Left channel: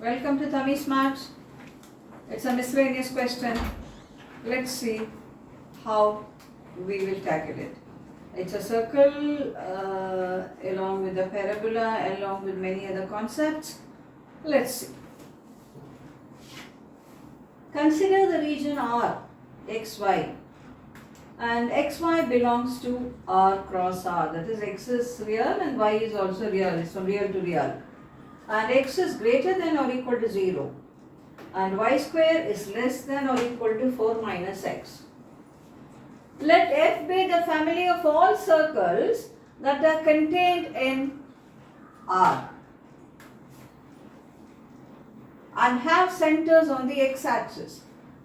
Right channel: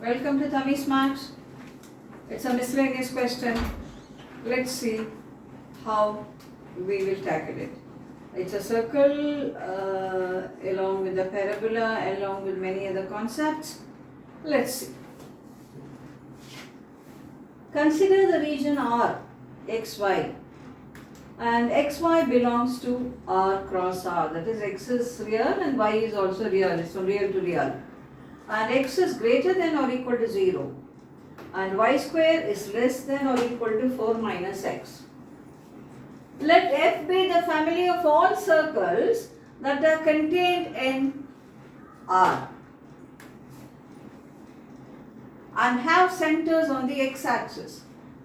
Welcome to Tammy's Marks. It's a miscellaneous question. Let's see how we will tackle it. It's a circle along with the parabola, along with many other concepts. Let's see. Consider the region R, xy, and xy belongs to R cross R. That is, x is real and y is also real. It's from real to real. And x is greater than or equal to 0. And y square is less than or equal to 4 minus x. Let F be the family of all circles that are contained in R and have centers on the x-axis.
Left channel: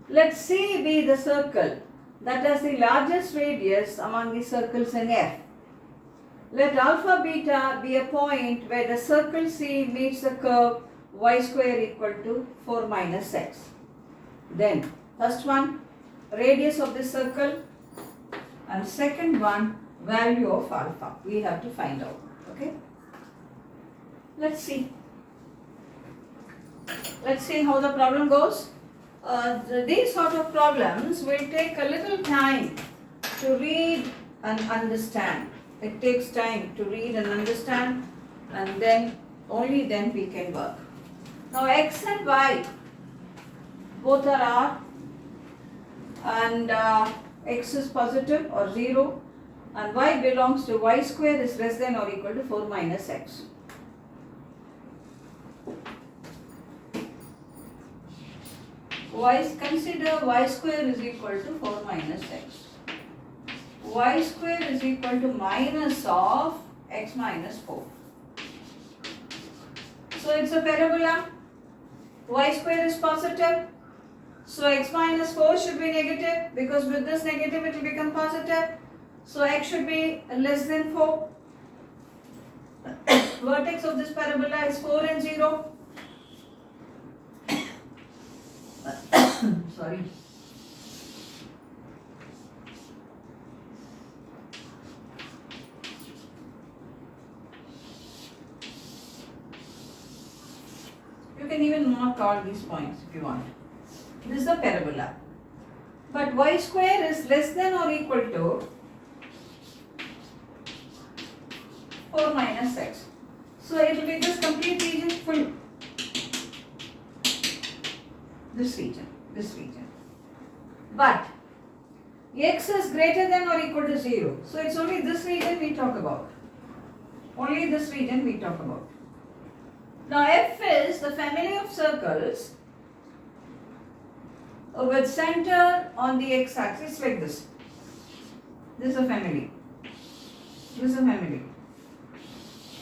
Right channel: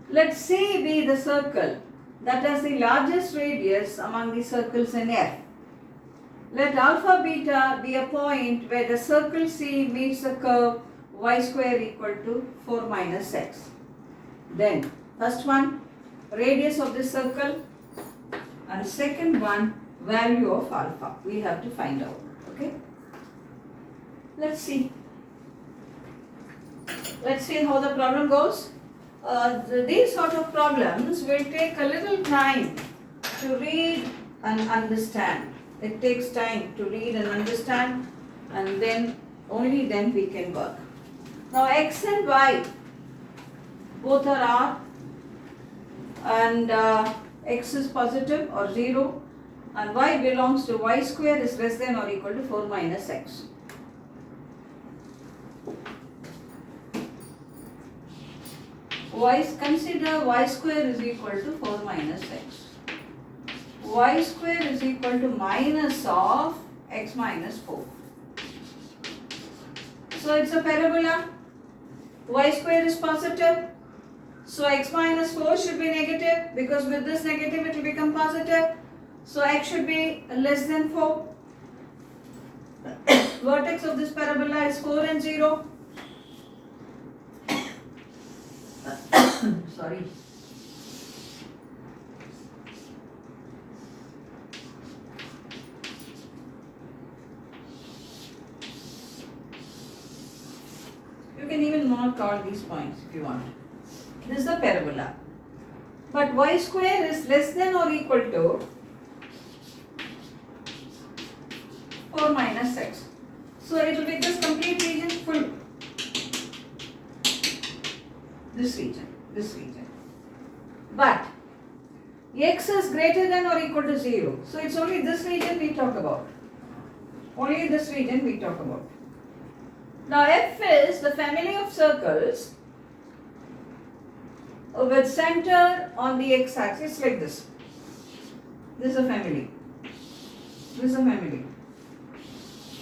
Let C be the circle that has the largest radius among the circles in F. Let alpha beta be a point where the circle C meets the curve y square equal to 4 minus x. Then, first one, radius of the circle, and second one, value of alpha. We have to find out. Okay? Let's see. Let's see how the problem goes. These sort of problems will take a little time to read and understand. It takes time to read and understand, and then only then we can work. Now x and y both are R, and x is positive or 0, and y belongs to y square is less than or equal to 4 minus x. Consider y square is equal to 4 minus x. Y square is equal to minus of x minus 4. So it's a parabola. Y square is positive. So x minus 4 should be negative, because with this negative it will become positive. So x should be less than 4. Vertex of this parabola is 4 and 0. Sorry. You can even mark all these points if you want. This is a parabola. But y square is less than or equal to 4 minus x. So it will be this complete region full. This region. But x is greater than or equal to 0. So it's only this region we talk about. Only this region we talk about. Now F is the family of circles with center on the x-axis like this. This is a family. This is a family.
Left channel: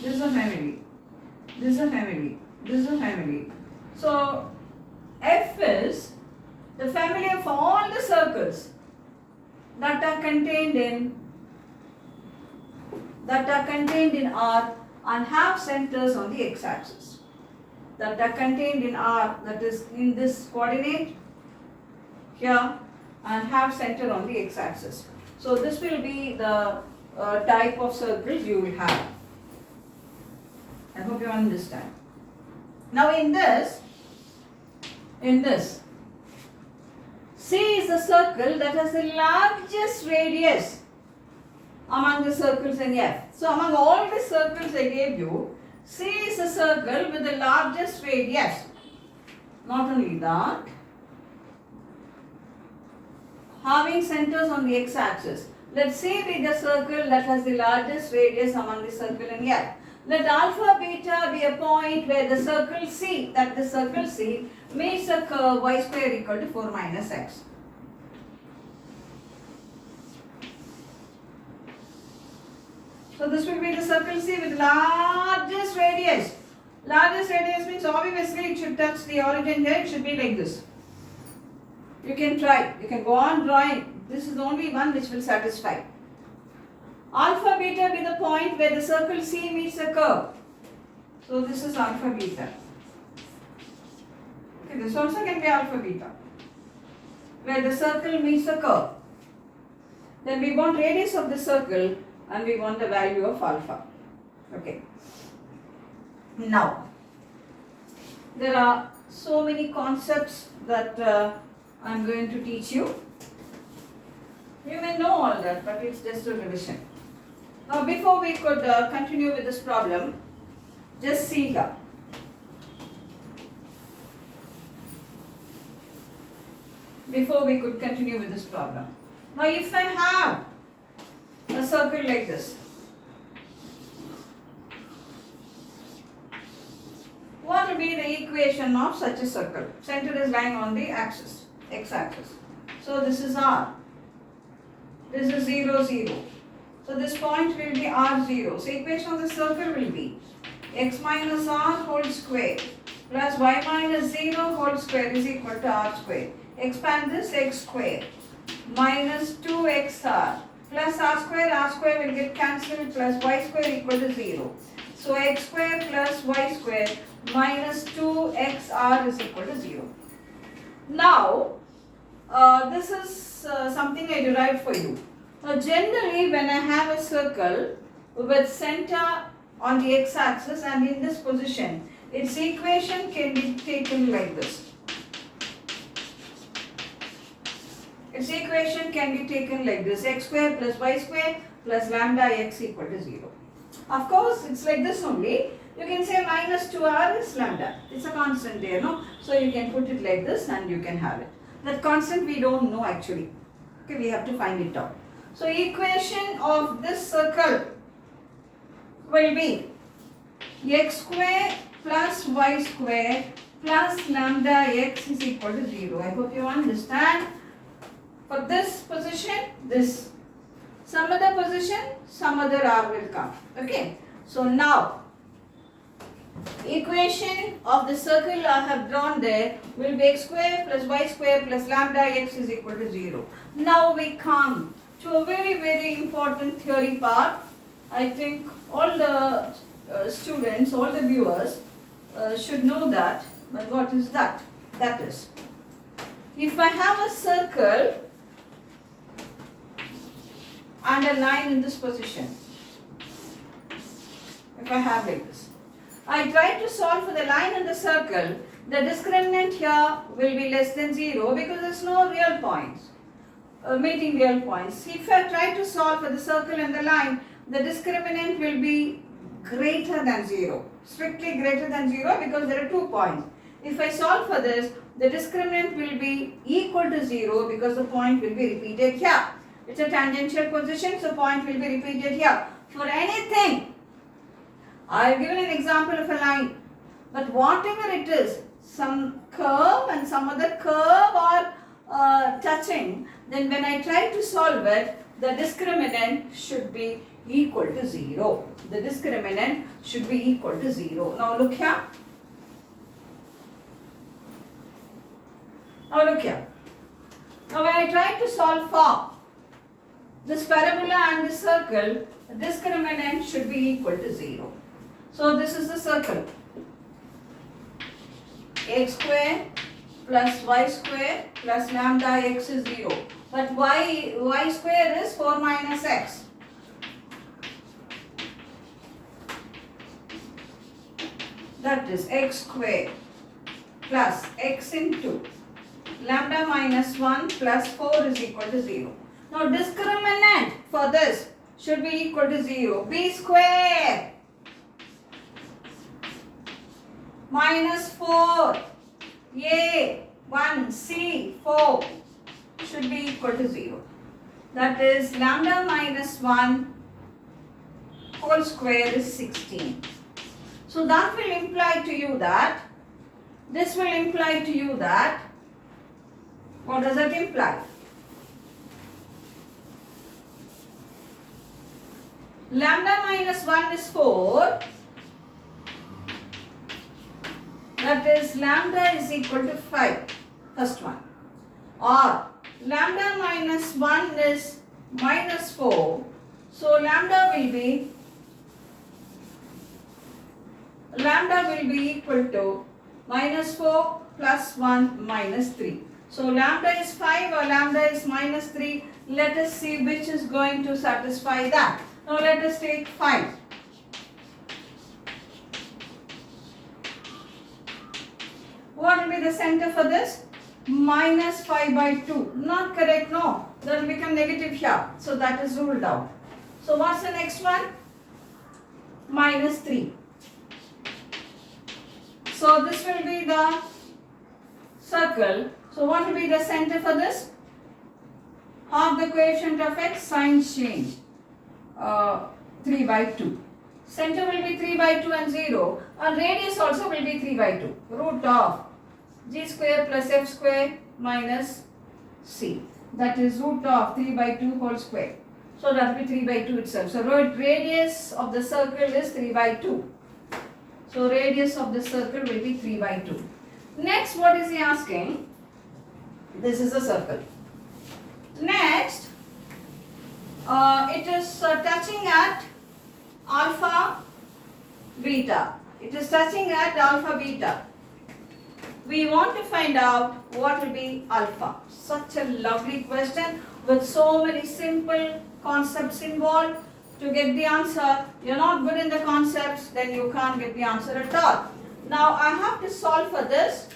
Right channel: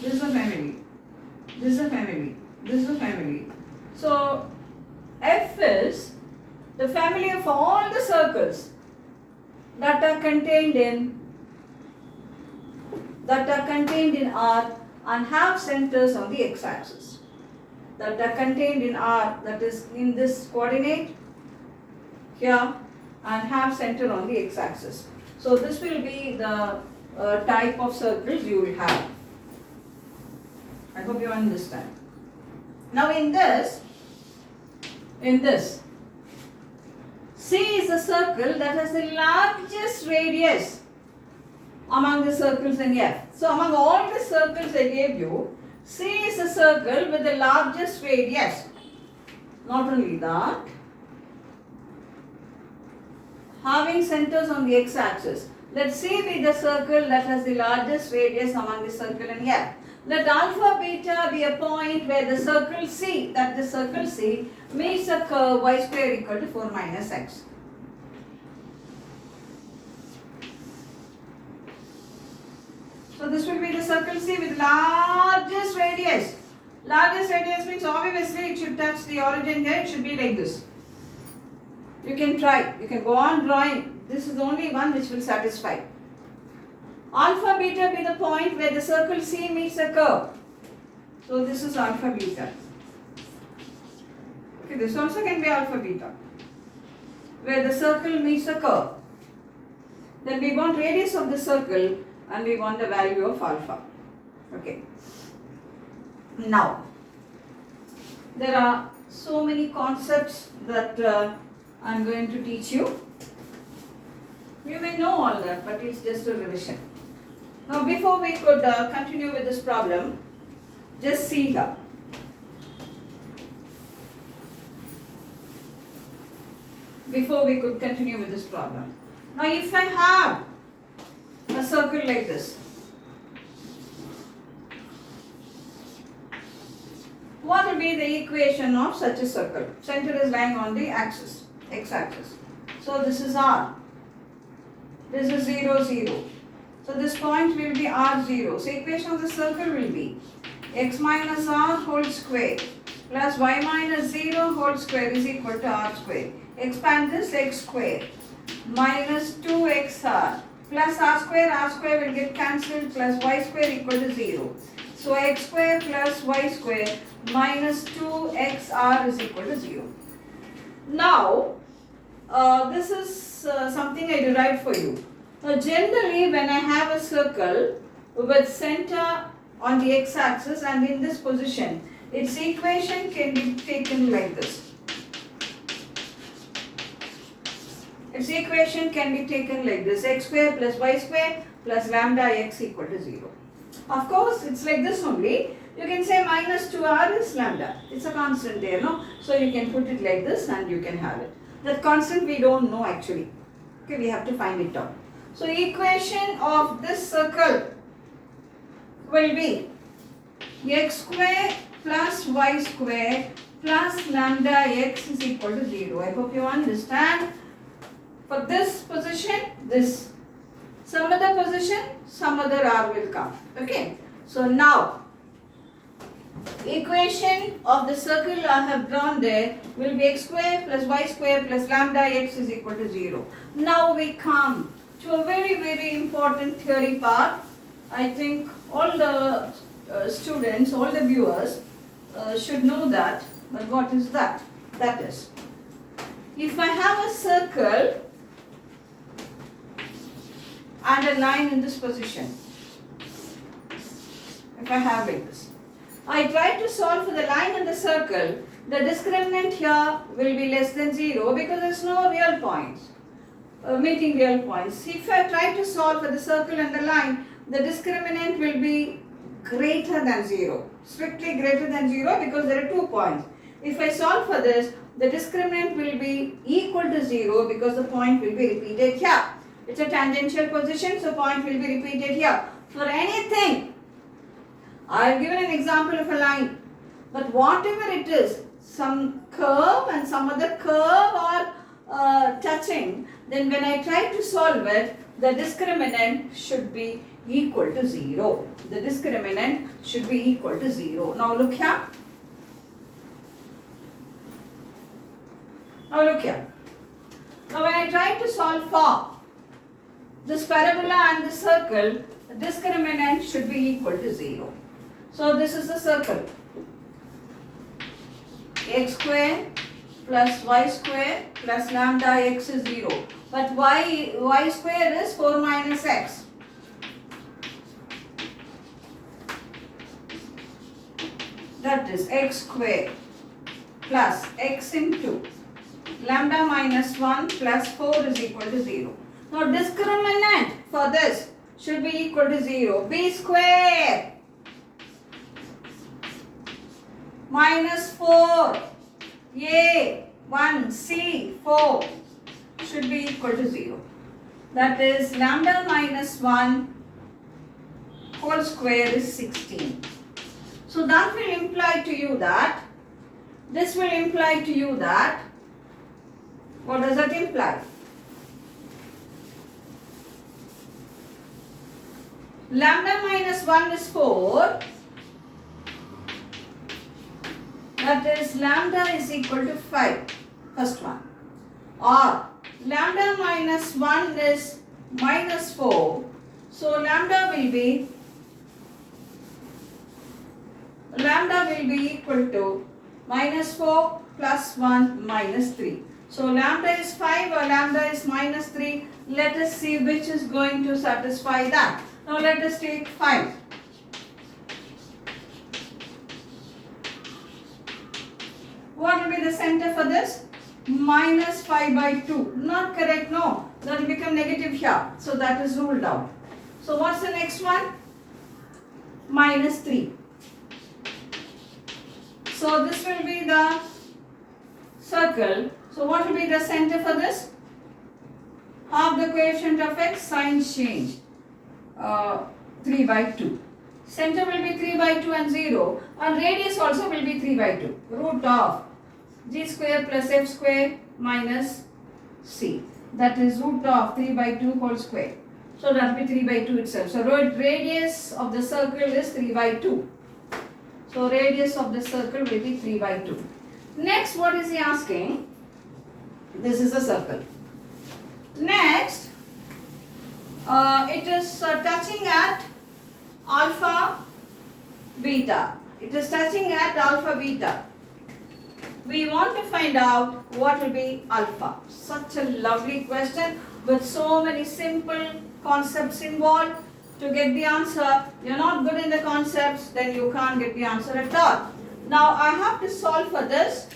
This is a family. This is a family. This is a family. So F is the family of all the circles that are contained in R and have centers on the x-axis. That are contained in R, that is in this coordinate here, and have center on the x-axis. So this will be the type of circles you will have. I hope you understand. Now in this, C is a circle that has the largest radius among the circles in F. So among all the circles I gave you, C is a circle with the largest radius. Not only that, having centers on the x-axis. Let C be the circle that has the largest radius among the circle in F. Let alpha beta be a point where the circle C, meets a curve y square equal to 4 minus x. So this will be the circle C with largest radius. Largest radius means obviously it should touch the origin here. It should be like this. You can try. You can go on drawing. This is the only one which will satisfy. Alpha beta be the point where the circle C meets a curve. So this is alpha beta. Okay, this also can be alpha beta, where the circle meets the curve. Then we want radius of the circle and we want the value of alpha. Okay. Now, There are so many concepts that I am going to teach you. You may know all that, but it's just a revision. Now, before we could continue with this problem, just see here. Before we could continue with this problem. Now, if I have a circle like this, what will be the equation of such a circle? Center is lying on the axis, x-axis. So, this is R. This is 0, 0. So, this point will be R0. So, equation of the circle will be x minus R whole square plus y minus 0 whole square is equal to R square. Expand this, x square minus 2xr plus r square will get cancelled plus y square equal to 0. So, x square plus y square minus 2xr is equal to 0. Now, this is something I derived for you. Generally, when I have a circle with center on the x-axis and in this position, its equation can be taken like this. Its equation can be taken like this: x square plus y square plus lambda x equal to 0. Of course, it's like this only. You can say minus 2r is lambda. It's a constant there, no? So you can put it like this and you can have it. That constant we don't know actually. Okay, we have to find it out. So equation of this circle will be x square plus y square plus lambda x is equal to 0. I hope you understand. For this position, this. Some other position, some other r will come. Okay. So now, equation of the circle I have drawn there will be x square plus y square plus lambda x is equal to 0. Now we come to a very, very important theory part. I think all the students, all the viewers should know that. But what is that? That is, if I have a circle and a line in this position, if I have like this, I try to solve for the line and the circle, the discriminant here will be less than 0 because there is no real points, meeting real points. If I try to solve for the circle and the line, the discriminant will be greater than 0, strictly greater than 0 because there are 2 points. If I solve for this, the discriminant will be equal to 0 because the point will be repeated here. It's a tangential position, so point will be repeated here. For anything, I have given an example of a line, but whatever it is, some curve and some other curve are touching, then when I try to solve it, the discriminant should be equal to 0. The discriminant should be equal to 0. Now look here. Now look here. Now when I try to solve for this parabola and this circle, the discriminant should be equal to 0. So this is the circle. X square plus y square plus lambda x is 0. But y square is 4 minus x. That is x square plus x into lambda minus 1 plus 4 is equal to 0. Now discriminant for this should be equal to 0. B square minus 4 A 1 C 4 should be equal to 0. That is lambda minus 1 whole square is 16. So that will imply to you that, this will imply to you that, what does that imply? Lambda minus 1 is 4. That is lambda is equal to 5. First one. Or lambda minus 1 is minus 4. So lambda will be equal to minus 4 plus 1 minus 3. So lambda is 5 or lambda is minus 3. Let us see which is going to satisfy that. Now let us take 5. What will be the center for this? Minus 5 by 2. Not correct, no. That will become negative here. So that is ruled out. So what's the next one? Minus 3. So this will be the circle. So what will be the center for this? Half the coefficient of x, sign change. 3 by 2. Center will be 3 by 2 and 0. And radius also will be 3 by 2. Root of g square plus f square minus c. That is root of 3 by 2 whole square. So that will be 3 by 2 itself. So radius of the circle is 3 by 2. So radius of the circle will be 3 by 2. Next, what is he asking? This is a circle. Next, it is touching at alpha beta. It is touching at alpha beta. We want to find out what will be alpha. Such a lovely question with so many simple concepts involved. To get the answer, you're not good in the concepts, then you can't get the answer at all. Now I have to solve for this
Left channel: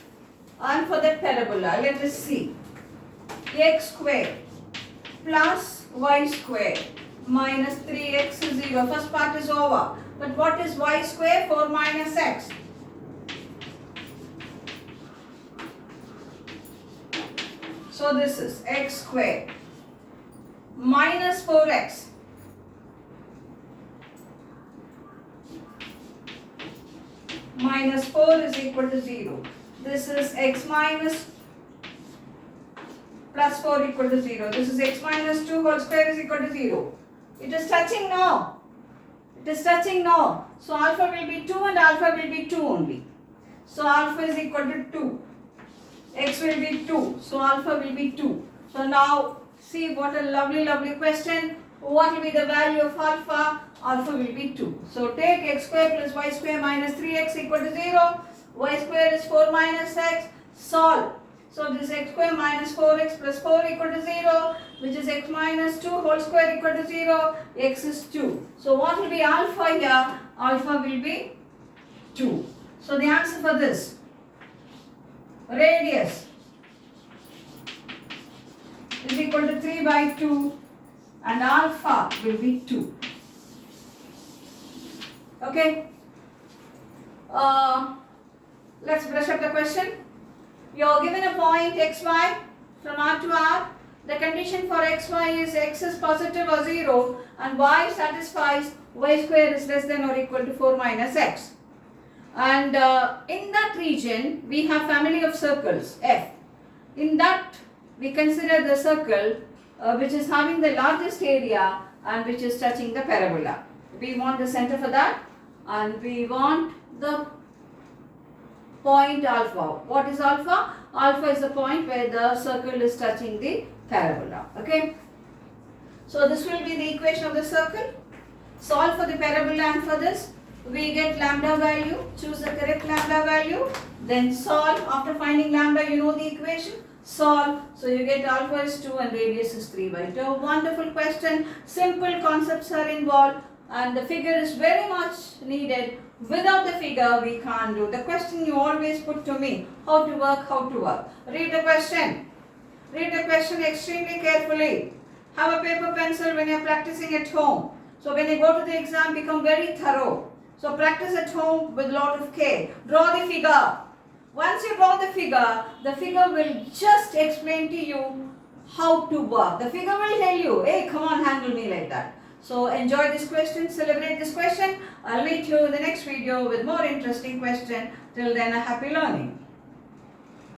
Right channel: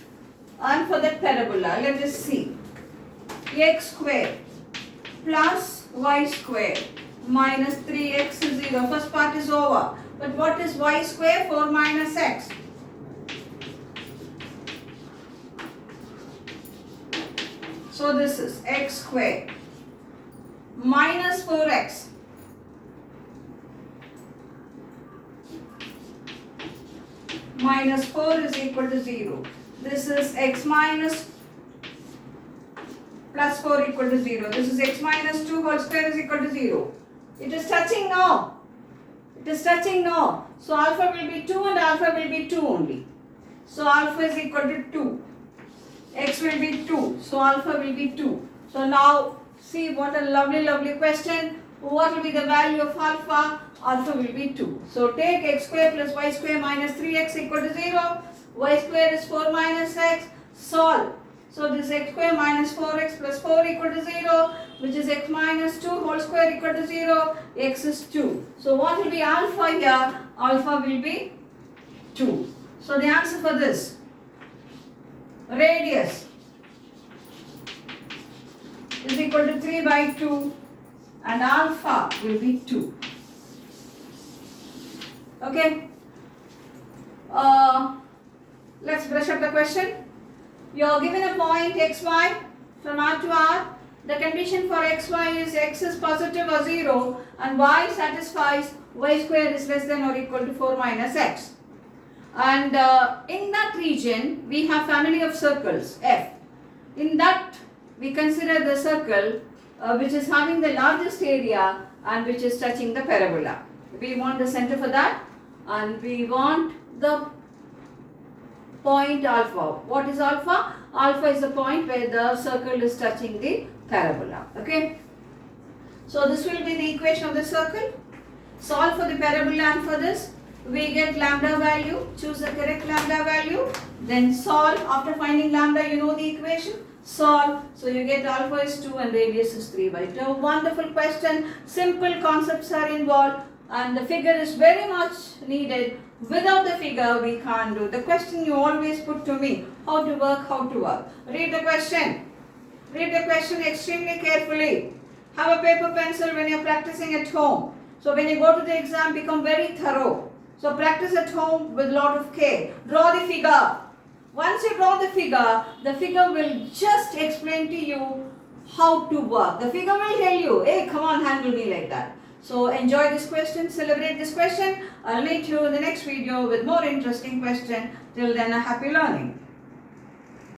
and for the parabola. Let us see. X square plus y square minus 3x is 0. First part is over. But what is y square? 4 minus x. So this is x square minus 4x minus 4 is equal to 0. This is x minus plus 4 equal to 0. This is x minus 2 whole square is equal to 0. It is touching now. It is touching now. So alpha will be 2 and alpha will be 2 only. So alpha is equal to 2. X will be 2. So alpha will be 2. So now see what a lovely question. What will be the value of alpha? Alpha will be 2. So take x square plus y square minus 3x equal to 0. Y square is 4 minus x. Solve. So this x square minus 4x plus 4 equal to 0, which is x minus 2 whole square equal to 0. X is 2. So what will be alpha here? Alpha will be 2. So the answer for this, radius is equal to 3 by 2 and alpha will be 2. Okay. Let's brush up the question. You are given a point xy from R to R. The condition for xy is x is positive or 0 and y satisfies y square is less than or equal to 4 minus x. And in that region, we have family of circles, F. In that, we consider the circle which is having the largest area and which is touching the parabola. We want the center for that and we want the point alpha. What is alpha? Alpha is the point where the circle is touching the parabola. Okay. So this will be the equation of the circle. Solve for the parabola and for this. We get lambda value, choose the correct lambda value, then solve. After finding lambda, you know the equation, solve. So you get alpha is 2 and radius is 3 by 2. Wonderful question, simple concepts are involved and the figure is very much needed. Without the figure, we can't do. The question you always put to me, how to work. Read the question. Read the question extremely carefully. Have a paper pencil when you're practicing at home. So when you go to the exam, become very thorough. So practice at home with lot of care. Draw the figure. Once you draw the figure will just explain to you how to work. The figure will tell you, hey, come on, handle me like that. So enjoy this question, celebrate this question. I'll meet you in the next video with more interesting question. Till then, a happy learning.